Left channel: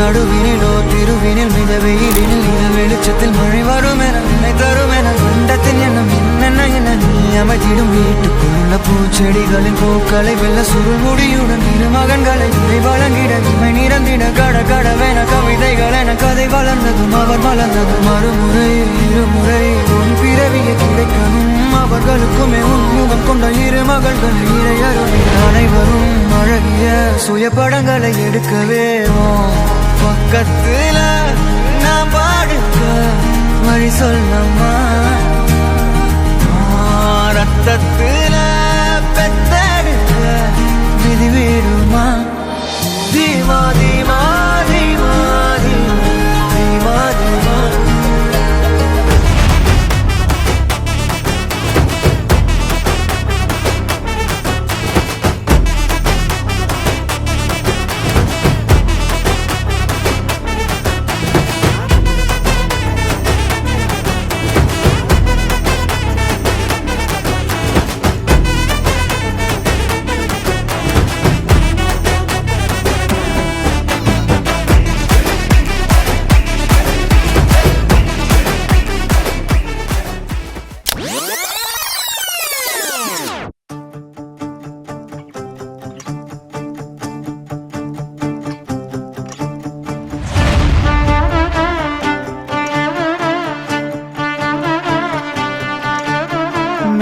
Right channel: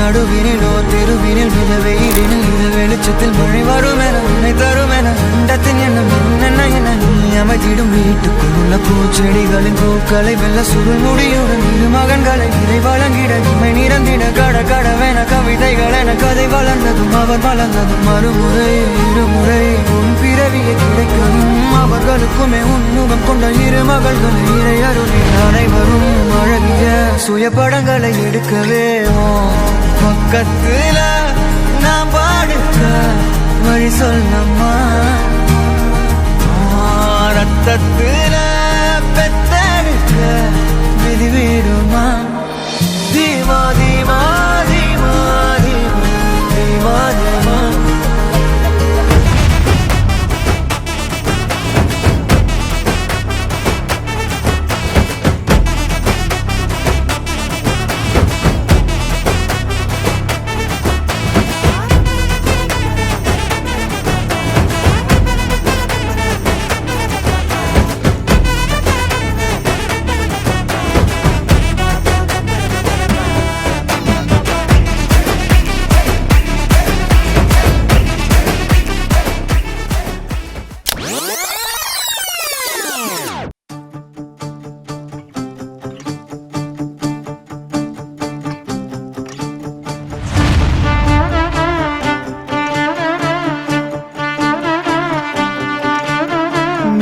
நடுவினிலோ தெருவினில் மித வெயிலினில் இத வெளிச்சத்தில் மழை வரும் என நினை தரும் என அண்டத்தின் எண்ணம் என்னென்ன என நீ அமைத்திடும் வீட்டுக்குள்ள பூச்செடிகளின் பூக்களை வெள்ள சுருள் முடியுடன் இரு மகன்களை இதை வழங்கிட இமை நிறந்திட கடவென கவிதைகள் என கதை வளர்ந்ததும் அவர் வளர்ந்ததும் மறுமுறை இருமுறை உன் பிறவியை கிடைக்கணும் அவர்களுக்குமே உன் முகம் கொண்ட இரு மகள்களை இறையருளி அனைவரும் அழகிய சுய படங்களை எடுக்கவே பக்கத்துல நாம் பாடுக்க வழி சொல்லம்மா ரத்தத்துல பெத்தெடுக்க விதி விடுமா தீமா தீமா தீமா தீமா தீமா தீமா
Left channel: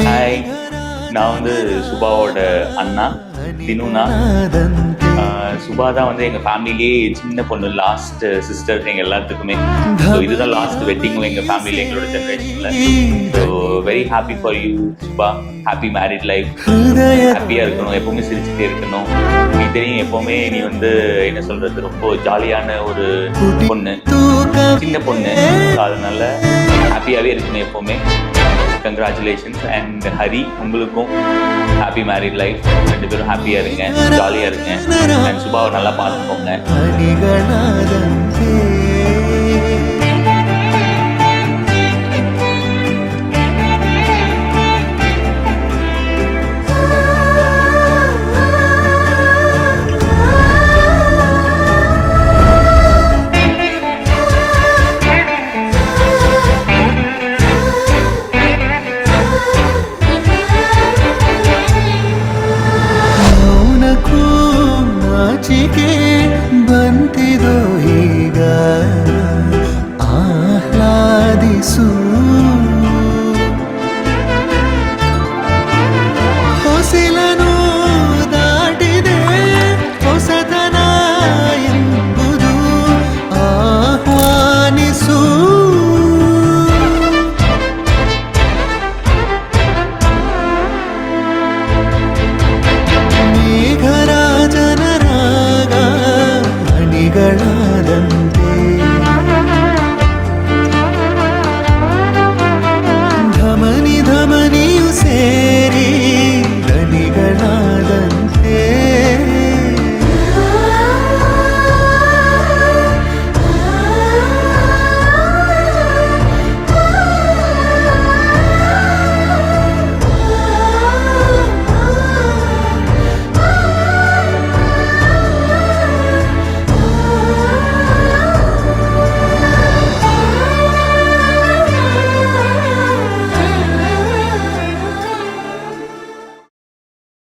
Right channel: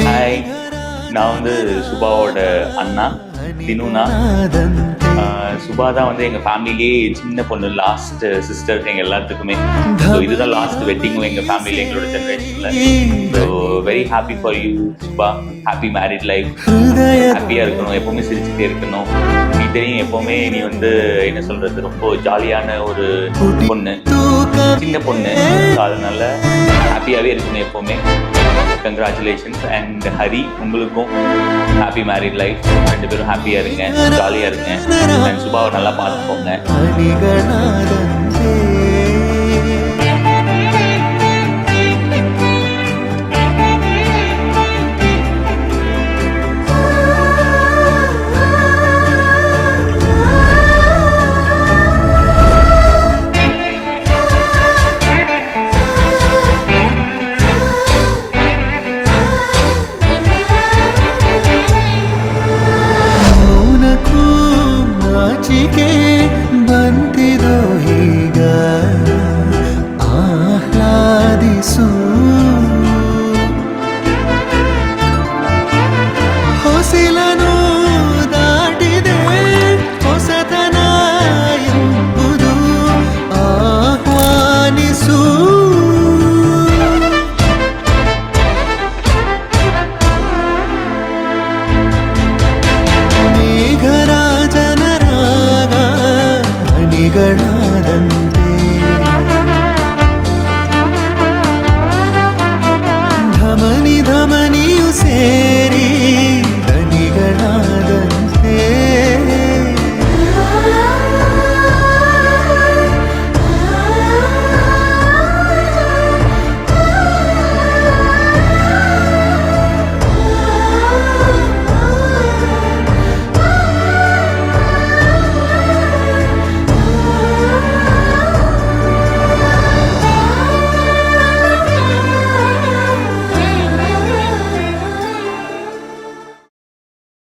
ஹாய், நான் வந்து சுபாவோட அண்ணா தினுனா. சுபா தான் வந்து எங்க ஃபேமிலிலேயே சின்ன பொண்ணு, லாஸ்ட் சிஸ்டர் எங்க எல்லாத்துக்குமே. ஸோ இதுதான் லாஸ்ட் வெட்டிங்கும் எங்க ஃபேமிலியில, எங்களோட ஜெனரேஷன்ல. So very happy for you Subha. Happy married life. ஹாப்பியா இருக்கணும், எப்பவுமே சிரிச்சுட்டே இருக்கணும். நீ தெரியும், எப்பவுமே நீ வந்து என்ன சொல்றது, ரொம்ப ஜாலியான ஒரு பொண்ணு, சின்ன பொண்ணு. அதனால ஹாப்பியாவே இருக்கணும் எப்பவுமே. கங்க்ராச்சுலேஷன்ஸ். அண்ட் ஹரி, உங்களுக்கும் ஹாப்பி மேரிட் லைஃப். ரெண்டு பேரும் ஹாப்பியா இருங்க, ஜாலியா இருங்க. அண்ட் சுபாவை நல்லா பார்த்துக்கோங்க. ನಾಚಿಕೆ ಬಂತಿದೋ ಈಗ ಆಹ್ಲಾದಿಸು ಹೊಸಿಲನು ದಾಟಿದೆ ಹೊಸತನ ಎಂಬುದು ಆಹ್ವಾನಿಸು ಮೇಘರಾಜನರಾಗ ಹನಿಗಳಾದಂತೆ ಧಮನಿಯು ಸೇರಿ ದನಿಗಳಾದಂತೆ